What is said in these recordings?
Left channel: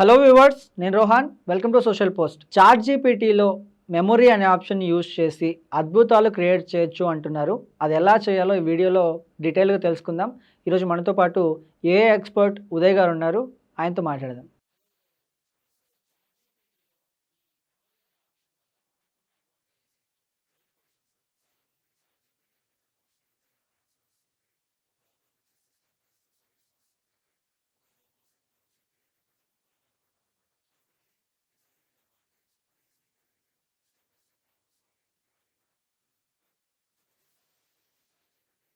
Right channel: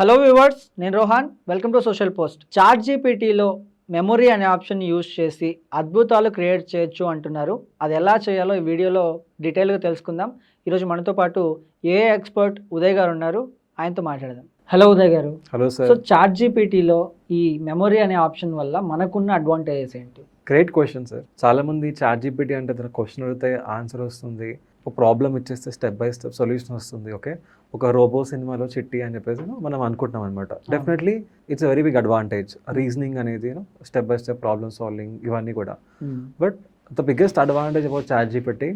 Hello viewers, నేను Rohan. Welcome to social post. Chat జీపీటీలో memory అనే ఆప్షన్ యూస్ చేసి అద్భుతాలు క్రియేట్ చేయొచ్చు అంటున్నారు. అది ఎలా చేయాలో ఈ వీడియోలో డీటెయిల్గా తెలుసుకుందాం. ఈరోజు మనతో పాటు ఏఐ ఎక్స్పర్ట్ ఉదయ్ గారు ఉన్నారు. ఆయనతో మాట్లాడదాం. హలో ఉదయ్ గారు. Hello so sir. చాట్ జీపీటీలో ఈ మెమొరీ అనే ఆప్షన్ వల్ల మనకున్న అడ్వాంటేజెస్ ఏంటి? Great question sir. చాలా మంది చాట్ జీపీటీ అంటే తన క్వశ్చన్ అడిగితే ఆన్సర్ వస్తుంది, ఒక ప్రాబ్లం ఇచ్చేస్తే స్టెప్ బై స్టెప్ సొల్యూషన్ వస్తుంది. ఓకే, ఒక రోబో సినిమాలో చిట్టి అని చెప్పేసి మనం అనుకుంటున్నాం అనమాట. Definitely it's very big advantage. Reasoning అనేది step by step problem solving ఇవన్నీ కూడా. But the biggest advantage about chat GPT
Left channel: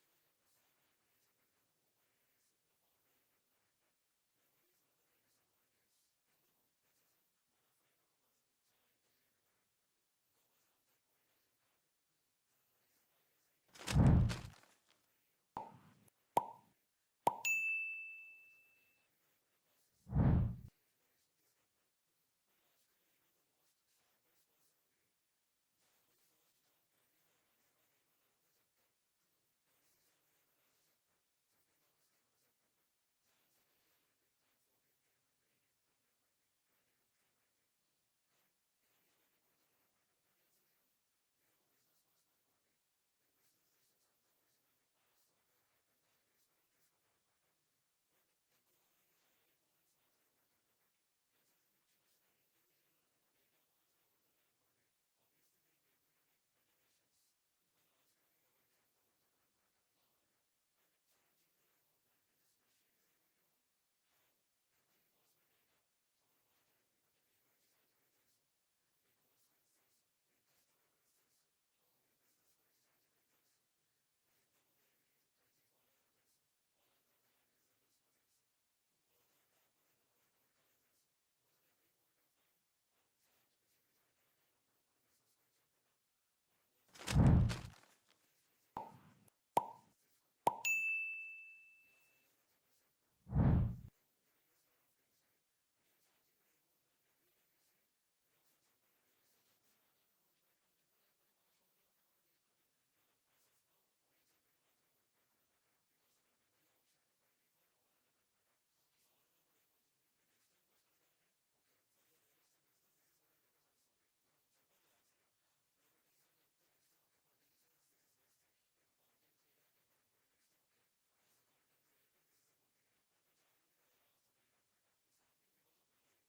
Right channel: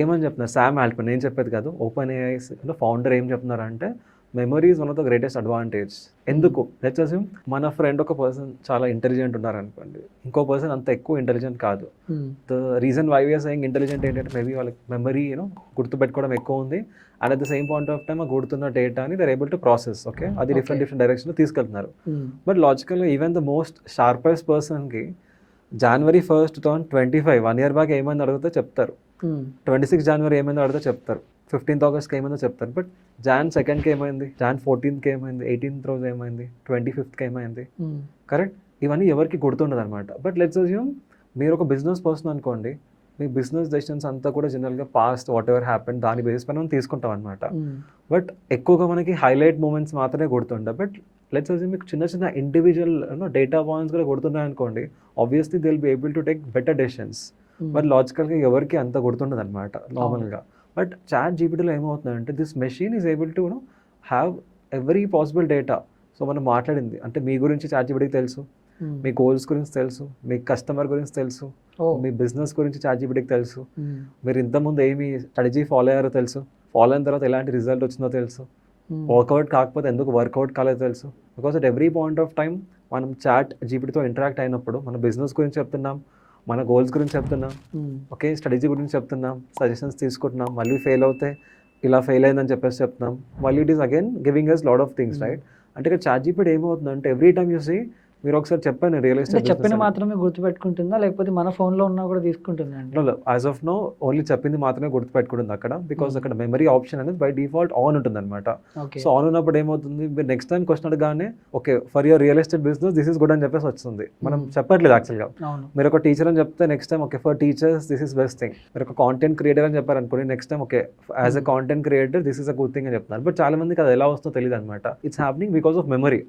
ఏమని చెప్తున్నారు శామ్ ఆల్ట్మన్, నేను చెప్పేది కాదు, ఓపెన్ ఏఐ ఫౌండర్ ఏం చెప్తున్నారంటే memory is one of the greatest advantage. ఎందుకు? లెట్స్ అస్యూమ్ మన ఫ్రెండ్ ఒక పర్సన్ చాలా ఇంటెలిజెంట్ ఉన్నారనుకోండి, ఇంకో పర్సన్ అంత ఎక్కువ ఇంటెలిజెంట్ కాదు. The reason why we're saying intelligent ఏంటంటే మేబీ వాళ్ళకి మెమరీ గుర్తుపెట్టుకోవడం ఎక్కువ ఉంది, and at the same point of time ఆ గుర్తున్న డేటాని they're able to process. Okay, అది డిఫరెంట్ డైరెక్షన్లో తీసుకెళ్తున్నారు. బట్ లాజికల్గా ఈవెన్ ద మోస్ట్ షార్పెస్ట్ పర్సన్కి January 1st, 2025 1 year బ్యాక్ ఏమైంది అడిగితే చెప్తారు, 26 January ఏమైందో అడిగితే చెప్తారు, 15th August ఏమైందో చెప్తారు. బట్ Jan 2nd ఏమైంది, Jan 14th ఏమైంది, 18th రోజు ఏమైంది, 25th ఏమైంది, కరెక్ట్? ఇవన్నీ ఎవరికి గుర్తుండదు అనమాట. బట్ లెట్స్ అస్యూమ్ మీరు ఒక బిజినెస్ పర్సన్ అనుకోండి, మీ బిజినెస్ డెసిషన్స్ అంతా కూడా జనరల్గా పాస్ట్ వాట్ ఎవర్ హ్యాపెన్ దాని బేస్ పైన మనం తీసుకుంటాం అనమాట. బట్ ఎక్కువగా మనకి హైలైట్ మూమెంట్స్ మాత్రమే గుర్తుంటాయి. బట్ లెట్స్ అస్యూమ్ మీకు చిన్న చిన్న ఇండివిజువల్ డేటా పాయింట్స్ కూడా గుర్తున్నాయి అనుకోండి, obviously they will be able to take better decisions. But లాజికల్గా ఎవరికి అంత గుర్తుండదు అనమాట నార్మల్గా. బట్ చాట్ జీపీటీలో ఏమవుతుందంటే this machine is able to have every possible data. So మనం మాట్లాడింది అంటే మీ గురించి చాట్ జీపీటీకి తెలుసు, మీ గోల్స్ గురించి తెలుసు, మీ కస్టమర్ గురించి తెలుసు, మీ బిజినెస్ గురించి చాట్ జీపీటీకి తెలుసు, మీరు ఇంతకుముందు ఏమి స్ట్రాటజీ ఫాలో అయ్యారో తెలుసు, ఫాలో అయిన తర్వాత ఎలాంటి రిజల్ట్ వచ్చిందో తెలుసు, వర్కౌట్ కాకపోతే ఎందుకు వర్కౌట్ కాలేదో తెలుసు. Because at every point of time మనం చాట్ జీపీటీతో ఇంటరాక్ట్ అయినప్పుడు మన బిజినెస్ గురించి చెప్తున్నాం, మన గోల్స్ గురించి చెప్తున్నాం, ఓకే, స్ట్రాటజీ గురించి చెప్తున్నాం, సజెషన్స్ తీసుకుంటున్నాం, మళ్ళీ ఫెయిల్ అవుతే ఇలా ఫెయిల్ అయిందని చెప్పేసి చెప్తున్నాం, మళ్ళీ it is again giving us lot of things, right? అంటే ఇక్కడ చాట్ జీపీటీ ఏమవుతుందంటే ఎవ్రీ టైమ్ చూసి మీరు ఒకసారి చెప్పాను రియల్ ఎస్టేట్ చెప్పిన మాత్రమే గుర్తుపెట్టుకుంటుందా లేకపోతే మన ఫోన్లో ఉన్నా కూడా తీసుకుంటుందా? యాజ్ ఆఫ్ నో ఓన్లీ చెప్పింది మాత్రమే గుర్తుపెట్టుకుంటుంది అక్కడ. బికాస్ అక్కడ మెమరీ ఆప్షన్ అనేది బై డిఫాల్ట్ ఆన్ ఉంటుంది అనమాట. సో ఆన్ ఉన్నప్పుడు ఏమవుతుంది, మీరు నెక్స్ట్ టైం క్వశ్చన్ అడగానే okay for your real estate business this is good అని చెప్పేసి వస్తుంది. మనం చెప్పట్లేదు యాక్చువల్గా. మీరు ఒక టీచర్ అని చెప్తే next time okay for teachers this is best thing. మీరు ఒక కాంటెంట్ క్రియేటర్ అని చెప్పారు అనుకోండి, next time okay as a content creator this is a good thing అని చెప్తున్నారు. బట్ చాలా మందికి అది ఎలా వస్తుందో తెలియదు అనమాట. It's happening because of memory.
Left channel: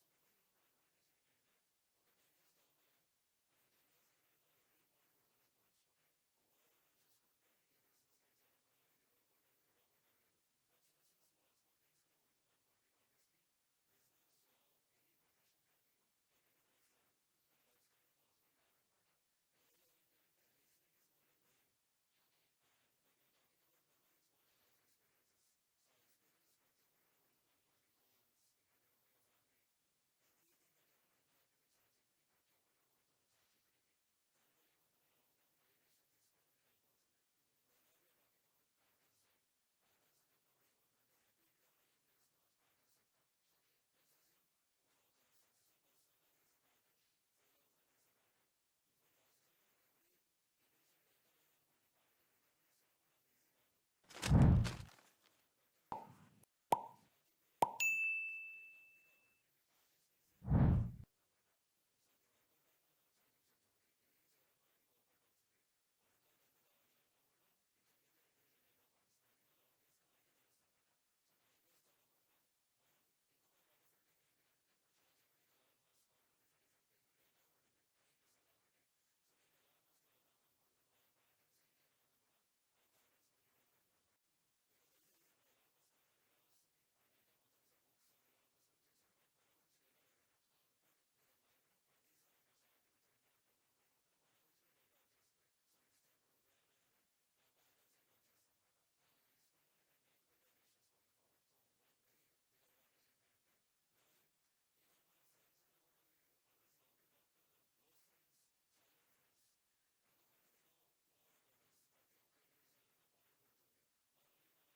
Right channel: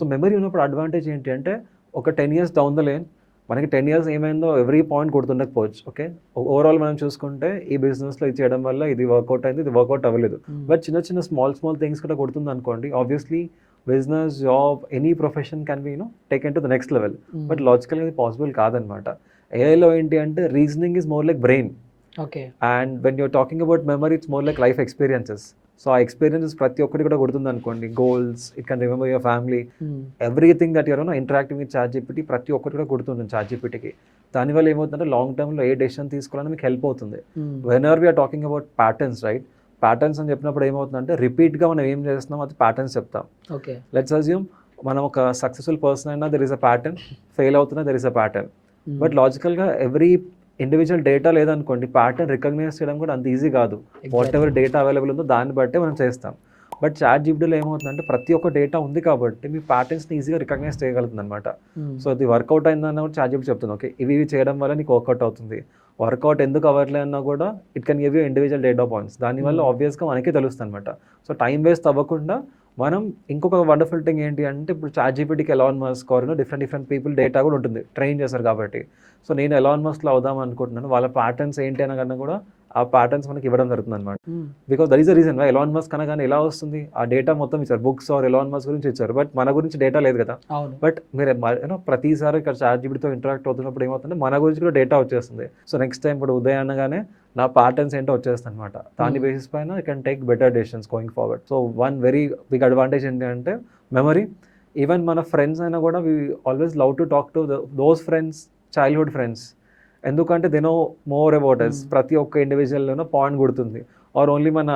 So memory ఉన్నప్పుడు అడ్వాంటేజ్ ఏంటి అంటే ఒక 10 years డౌన్ ద లేన్ మనకి 10 years ఏమైందో ఎవ్రీ పాయింట్ గుర్తుండకపోవచ్చు. ఓకే, ఓవరాల్ మనం చూసుకుంటే ఈ బిజినెస్లో ఇది చేయడం వల్ల ఇది వర్కౌట్ అయింది, ఇది వర్కౌట్ అవ్వలేదు. బట్ చిన్న చిన్న స్మాల్ థింగ్స్ కూడా గుర్తుంది అనుకోండి, obviously business, job, any profession can be taken to the next level. But లాజికల్గా ఇది పాసిబుల్ కాదనమాట. ఏఐలో ఏంటి అంటే reasoning is more like brain. Okay, and when you're talking about memory it's more like life experiences. So ఆ experiences ప్రతి ఒక్కటి కూడా గుర్తుంది అనుకోండి, goals, it can remember your family, everything that you're interacting with chat GPT ప్రతి ఒక్కటి కూడా గుర్తుంది చాట్ జీపీటీకి. దానివల్ల ఏమవుతుందంటే లాంగ్ టర్మ్లో ఏ డెసిషన్ తీసుకోవాలని మీకు హెల్ప్ అవుతుంది. Whenever we're talking about patterns, right? Patterns అని చెప్పినప్పుడు ఏమవుతుందంటే రిపీట్గా మనం ఏం చేస్తున్నాం అది ప్యాటర్న్స్ చెప్తాం. ఓకే, లెట్స్ అస్యూమ్ మనం ఒక సక్సెస్ఫుల్ పర్సన్ అయినా there is a pattern, fail అవుతున్నా there is a pattern. But లాజికల్గా ఎవ్రీ ఇండివిజువల్ డేటా లేదనుకోండి, ప్యాటర్న్ రికగ్నైజ్ చేయడం కూడా అంత ఈజీ కాదు. వాట్ ఎవర్ డేటా అవైలబుల్ ఉందో దాన్ని బట్టే మనం చేస్తాం. బట్ చాట్ జీపీటీలో ఏమవుతుందంటే ప్రతి ఒక్క డేటా ఉంది కాబట్టి మీ ప్యాటర్న్స్ని ఈజీగా రికగ్నైజ్ చేయగలుగుతుంది అనమాట. సో అది వర్కౌట్ అయిందన్న కూడా చాట్ జీపీటీ చెప్తుంది, ఓకే ఇవి చేయడం వల్ల నీకు వర్కౌట్ అవుతుంది. వర్కౌట్ ఎందుకు అవ్వట్లే అన్నా కూడా it can give you individual data points. దానివల్ల ఆబ్వియస్గా మనకే తెలుస్తుంది అనమాట. సో టైం వేస్ట్ అవ్వకుండా మనం ఇంకొక వండర్ఫుల్ థింగ్ ఏంటి అంటే ఇప్పుడు చాట్ జీపీటీకి Elon Musk different people data కూడా ఉంటుంది, ట్రైన్ చేశారు కాబట్టి. సో నేను ఎలాన్ మస్క్లో అవుదాం అనుకుంటున్నాను, వాళ్ళ ప్యాటర్న్స్ ఏంటి అనగానే కూడా ఆ ప్యాటర్న్స్ మనకి ఇవ్వడం జరుగుతుంది అనమాట. Because that is the reason why Elon Musk అనగానే ఎలా వస్తుంది, ఆ డేటా మొత్తం ఇచ్చారు, బుక్స్ ఆర్ ఎలాన్ మస్క్ గురించి ఇచ్చారు, బట్ మన గురించి డేటా లేదు కదా. బట్ మీరు ప్రతిసారి ఇక్కడ చాట్ జీపీటీతో ఇంటరాక్ట్ అవుతున్నప్పుడు ఏమవుతుంది మన గురించి కూడా డేటా వచ్చేస్తుంది. సో నెక్స్ట్ టైం ఇప్పుడు ఉదయం అనగానే నా ప్యాటర్న్స్ ఏంటో వచ్చేస్తుంది అనమాట. దాని బేసిస్ పైన I can take better decisions going forward. So one very big advantage ఏంటి అంటే మెమరీ. ఈవెన్ మన ఫ్రెండ్స్ అయినా కూడా we always love to talk to those friends, childhood friends. ఎందుకంటే they know more about us. ప్రతి ఒక్క ఇండివిజువల్లోనో పాయింట్ గుర్తుంది. ఆర్ ఓన్లీ మన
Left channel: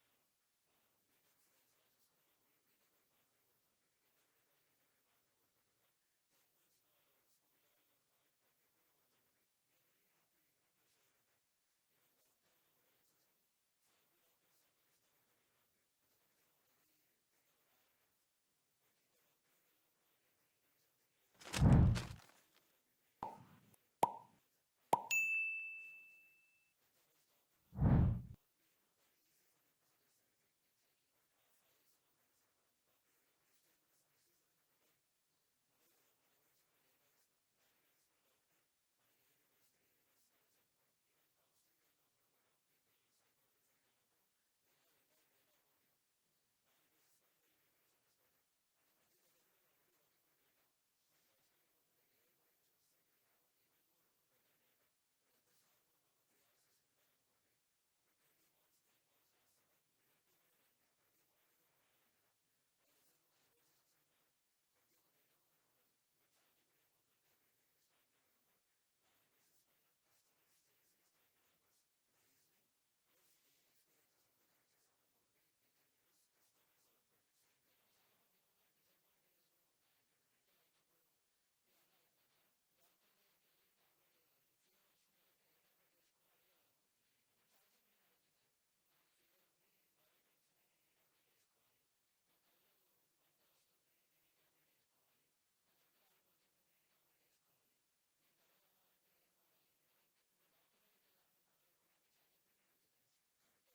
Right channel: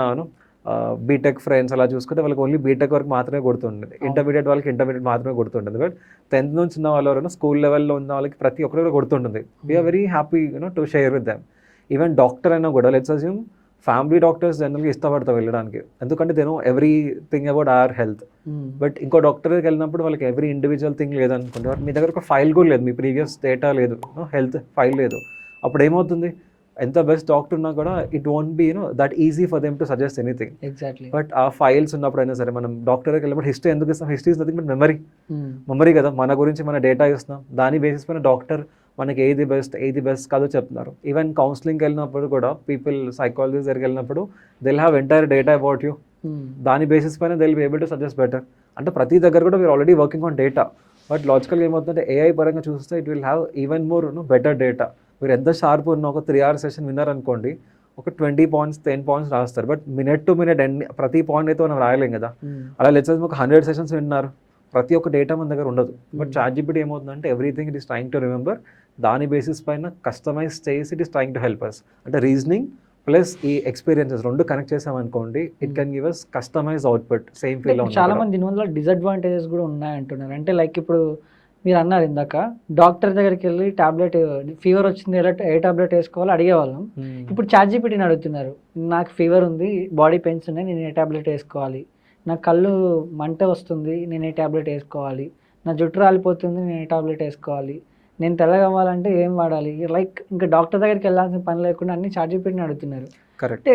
బీటెక్ ఫ్రెండ్స్ అలా చూసుకుంటే వాళ్ళకి ఓన్లీ బీటెక్ వరకు మాత్రమే గుర్తుండేది, ఇంటర్మీడియట్ వాళ్ళకి ఇంటర్మీడియట్ మాత్రమే గుర్తుంటుంది. బట్ 10th నుంచి ఉన్న వాళ్ళు ఎవరైనా స్కూల్ లెవెల్లో ఉన్న వాళ్ళకి ప్రతి ఒక్కరు కూడా గుర్తుంటుంది. We're very happy to share with them. Even doctor అయినా కూడా లెట్స్ అస్యూమ్ ఫ్యామిలీ డాక్టర్స్ జనరల్గా ఇష్టపడతారు వెళ్ళడానికి, ఎందుకంటే they know everything about our health. But ఇంకో డాక్టర్ దగ్గరికి వెళ్ళినప్పుడు వాళ్ళకి ఎవ్రీ ఇండివిజువల్ థింగ్ లేదనుకుంటే, బట్ మీ దగ్గర ఒక ఫైల్ కూడా లేదు, మీ ప్రీవియస్ డేటా లేదు, హెల్త్ ఫైల్ లేదు. అప్పుడు ఏమవుతుంది, ఎంత బెస్ట్ డాక్టర్ ఉన్నా కూడా it won't be that easy for them to suggest anything. Exactly. But ఆ ఫైల్స్ ఉన్నప్పుడైనా సరే మనం డాక్టర్ దగ్గరికి వెళ్ళినప్పుడు హిస్టరీ ఎందుకు ఇస్తాం? History is nothing but memory కదా. మన గురించి మన డేటా ఇస్తున్నాం, దాని బేసిస్ పైన డాక్టర్ మనకి ఏది బెస్ట్ కాదో చెప్తున్నారు. ఈవెన్ కౌన్సిలింగ్కి వెళ్ళినప్పుడు కూడా పీపుల్ సైకాలజిస్ట్ దగ్గరికి వెళ్ళినప్పుడు they'll have entire data about you, దాని బేసిస్ పైన they'll be able to suggest better. అంటే ప్రతి దగ్గర కూడా we're already working on data. But లాజికల్గా ఏమవుతుందంటే ఏఐ పరంగా చూస్తే it will have even more better data. మీరు ఎంత షార్ప్ ఉన్న ఒక 3 hours సెషన్ విన్నారనుకోండి, ఒక 20 points 10 points రాస్తారు. బట్ మినిట్ టు మినిట్ ప్రతి పాయింట్ అయితే మనం రాయలేం కదా. అలా లెట్స్ ఒక 100 sessions విన్నారు, ప్రతి ఒక్క డేటా మన దగ్గర ఉండదు. బట్ ChatGPT ఏమవుతుందంటే everything it is trying to remember, దాని బేసిస్ పైన కస్టమైజ్ చేసి it is trying to help us. అంటే రీజనింగ్ ప్లస్ ఈ ఎక్స్పీరియన్సెస్ రెండు కనెక్ట్ చేసామనుకోండి, it can give us customize output same feel. చాలా మంది దీనివల్ల డిసడ్వాంటేజెస్ కూడా ఉన్నాయంటున్నారు. అంటే లైక్ ఇప్పుడు మీరు అన్నారు ఇందాక, డాక్టర్ దగ్గరికి వెళ్ళి టాబ్లెట్ ఫీవర్ వచ్చింది ఏ టాబ్లెట్ వేసుకోవాలో అడిగేవాళ్ళం. ఇప్పుడు ChatGPTని అడుగుతున్నారు, నాకు ఫీవర్ ఉంది, బాడీ పెయిన్స్ ఉన్నాయి, నేను ఏ టాబ్లెట్ వేసుకోవాలి, నా కళ్ళు మంట వస్తుంది, నేను ఏ టాబ్లెట్ వేసుకోవాలి, నా జుట్టు రాలిపోతుంది, నేను ఏ టాబ్లెట్ వేసుకోవాలి, నేను తెల్లగా అవ్వాలంటే ఏం వాడాలి, లైక్ ఇంకా డాక్టర్ దగ్గరికి వెళ్ళాల్సిన పని లేకుండా అన్ని ChatGPTని అడుగుతున్నారు. కరెక్ట్. అంటే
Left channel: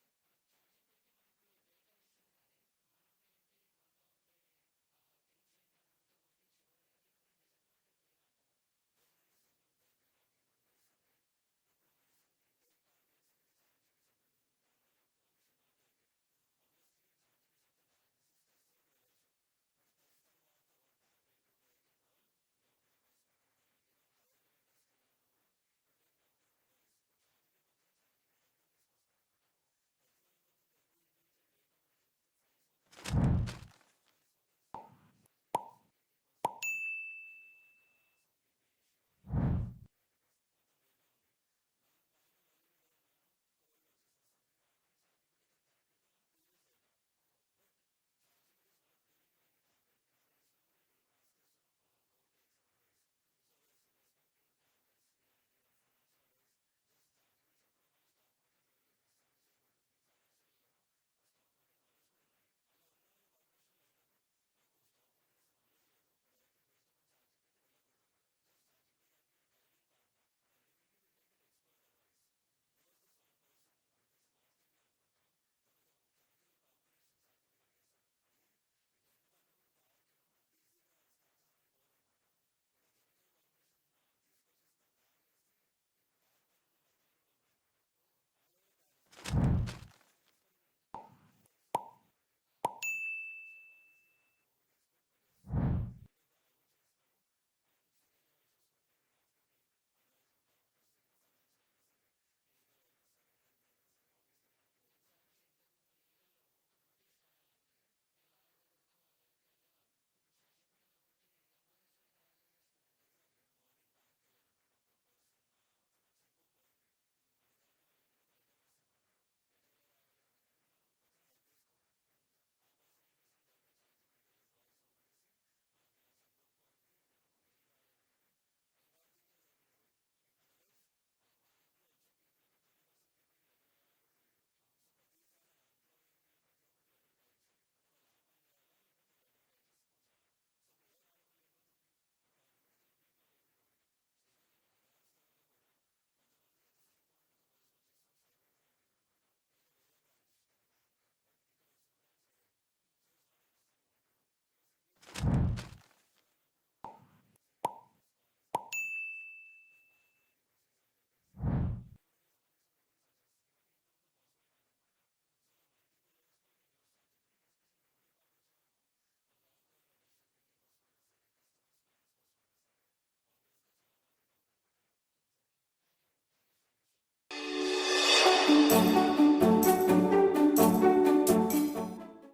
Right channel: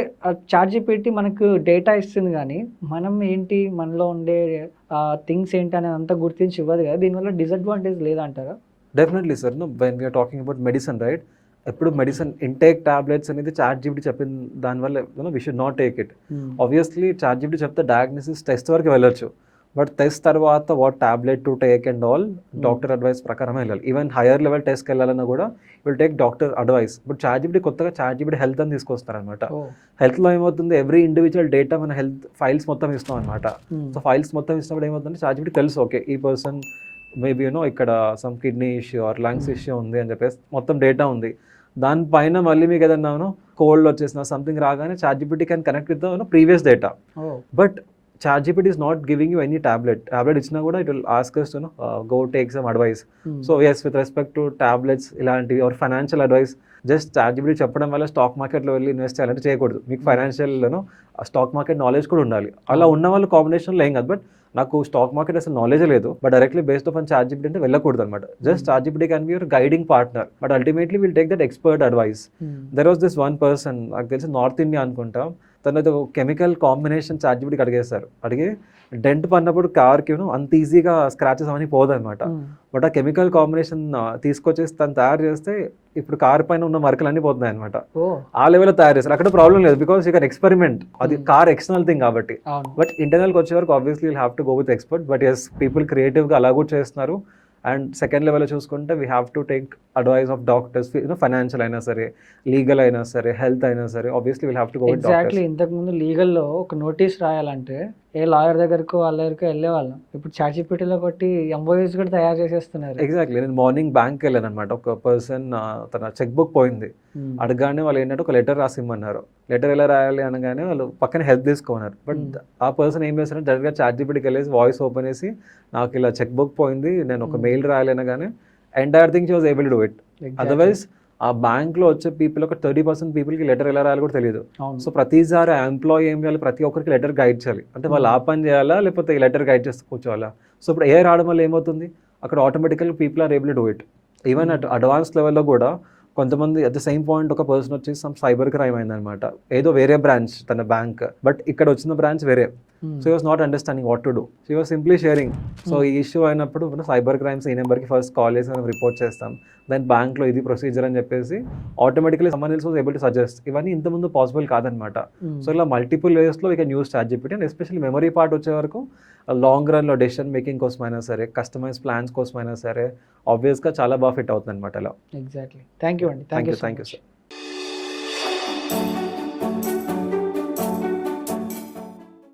ChatGPT మనకు డేటా ఇస్తుంది కానీ మనం ఏంటి, మనలో ఉండే థింగ్స్ ఏంటి అనేది అంతా గుర్తించి ఇవ్వదు కదా. దీనివల్ల డిసడ్వాంటేజ్ లేదంటారా? Definitely sir. When we're talking about medicine, right, ఎప్పుడు మెడిసిన్ ఇంటేక్ టాబ్లెట్స్ అనేది ChatGPT చెప్పిన దానివల్ల we should not take it. Obviously ChatGPT చెప్తే డయాగ్నోసిస్ టెస్ట్ వరకు వెళ్ళొచ్చు, బట్ టెస్ట్ తర్వాత what tablet to take and all doctor advice ప్రకారమే వెళ్ళాలి. ఈవెన్ హైయర్ లెవెల్ టెస్ట్కి వెళ్ళాలన్నా కూడా will take doctor advice. But ChatGPT కొత్తగా ChatGPT హెల్త్ అని తీసుకొస్తారనమాట. హెల్త్లో ఏమవుతుంది, ఎవ్రీ ఇండివిజువల్ డేటా మన హెల్త్ ఫైల్స్ మొత్తం ఇస్తాం అనమాట. సో ఫైల్స్ మొత్తం ఇచ్చినప్పుడు ఏమవుతుంది, ChatGPT తెలుసు, ఓకే ఈ పర్సన్ మేబీ ఇక్కడ some kidney issue or lungs issue ఉంది అని చెప్పేసి మొత్తం డేటా ఉంది. దానిపైన మళ్ళీ మీకు ఏదన్నా కోల్డ్ వచ్చేసిన సంథింగ్ రాగానే ChatGPT can connect with previous data. But ChatGPT is not giving you any tablet ఇచ్చినా కూడా it will ask us to go take some advice. So yes, with respect to tablets ఇలాంటివి or financial advice, just ChatGPT చెప్పడం వల్ల stock మార్కెట్లో వెళ్ళి invest చేయాలంటే చేయకూడదు. మీకు ఫైనాన్షియల్లోనూ స్టాక్ మార్కెట్ నాలెడ్జ్ కూడా ఉండాలి. అలా ఉన్న వాళ్ళు కాంబినేషన్లో ఏం కాదు. బట్ నాకు స్టాక్ మార్కెట్ అసలు నాలెడ్జ్ లేదు, but directly based on ChatGPT అంటే వెళ్ళకూడదు అనమాట. Just ChatGPT can be your guiding partner, but ultimately will take that expert advice. There was this one person, నాకు తెలిసి నార్త్ ఇండియా అనుకుంటా, తనది ఒక కెమికల్ కాంబినేషన్ ChatGPTకి అడిగేస్తారు. అడిగి డెంట్ పడినప్పుడు కార్కి అంత ఈజీగా స్క్రాచెస్ అవన్నీ పోదనమాట. బట్ ఆ కెమికల్ కాంబినేషన్ తీసుకొచ్చేసి తను తయారు చేస్తే ఇప్పుడు కార్ పైన ఉన్న మరకలు అన్నీ పోతున్నాయి అనమాట. ఆ లెవెల్లో తయారు చేస్తారు. అక్కడ ప్రాబ్లం లేదు, బికాస్ యూ కెన్ ఎక్స్పెరిమెంట్, అది కార్ ఎక్స్టర్నల్ థింగ్ కాబట్టి. బట్ ఇంటర్నల్కి వచ్చే వరకు obviously will have to go with expert. But yes, people క్రియేటివ్గా అలా కూడా చేస్తున్నారు. అండ్ సెకండ్ లెవెల్లో చూసుకుంటే we have to take advice of doctors, financial అయినా సరే, లీగల్ అయినా సరే, హెల్త్ అయినా సరే, obviously will have to go with doctors. Exactly. ఇంతకుముందు లీగల్లో ఒక నోటీస్ రాయాలంటే ఏ లాయర్ దగ్గరకు వాళ్ళ దగ్గరకు వెళ్ళేవాళ్ళం. ఇప్పుడు ChatGPTలో కొట్టి ఎంఓయూస్ కూడా తయారు చేసేస్తున్నారు. ఎగ్జాక్ట్లీ. నేను మార్నింగ్ బ్యాంక్కి వెళ్ళాను అనమాట. ఒక పర్సన్ తన చెక్ బుక్ పోయింది, అడగగానే వాళ్ళు ఏంటంటే ఒక లెటర్ రాసి ఇమ్మన్నారు. లెటర్ ఎలా రాయాలి అనగానే వాళ్ళు పక్కన హెల్ప్ తీసుకున్నారు. బట్ ఆ పర్సన్ ఏం చేస్తారంటే డైరెక్ట్గా ChatGPTకి వెళ్ళేసి వాయిస్ ఓపెన్ చేసి, నాకు ఇలా చెక్ బుక్ పోయింది, నేను ఒక మెయిల్ రాయాలి అనగానే entire thing she was able to do it. Otherwise ఆ బ్యాంక్లో వచ్చే పీపుల్ ఒక 30% పీపుల్కి లెటర్ ఎలా రాయాలి కూడా తెలియదు. సో ప్రతిసారి ఆ ఎంప్లాయీ ఏం చేయాలి, ప్రతి ఒక్కరికి లెటర్ గైడ్ చేయాలి. అంటే వాళ్ళు ఆ పని చేయాలా లేకపోతే ఈ లెటర్ గైడ్ చేస్తూ కూర్చోవాలా. సో ఇప్పుడు ఏ రావడం వల్ల ఏమవుతుంది, అక్కడ ఆటోమేటికల్గా people are able to do it. Even at advance లెవెల్లో కూడా కొంతమంది అట్ ద సేమ్ పాయింట్ ఒక పర్సన్ వచ్చి సమ్ సైబర్ క్రైమ్ అయిందనమాట. ఏదో వేరే బ్రాంచ్ తన బ్యాంక్, బట్ ఇక్కడ వచ్చిన బ్రాంచ్ వేరే. So was not understanding what to do. So was simply sharing. So ఈ ఇష్యూ అయినప్పుడు సైబర్ క్రైమ్స్ ఈ నెంబర్కి ఫస్ట్ కాల్ చేసి మనం రిపోర్ట్ చేస్తాం, దెన్ బ్యాంక్లో ఇది ప్రొసీజర్ అని చెప్పేసి automatically someone else was able to suggest. ఇవన్నీ ఇంతకుముందు పాసిబుల్ కాదనమాట. సో ఇలా మల్టిపుల్ వేస్లో we can use ChatGPT. And especially memory part వచ్చే వరకు లాంగ్ రన్లో డెసిషన్ మేకింగ్ కోసమైనా సరే, కస్టమైజ్ ప్లాన్స్ కోసమైనా సరే ఆబ్వియస్గా చాలా బాగా ఫిట్ అవుతుంది అనమాట. అలా. ఎగ్జాక్ట్లీ. థ్యాంక్ యూ అండి. Thank you sir.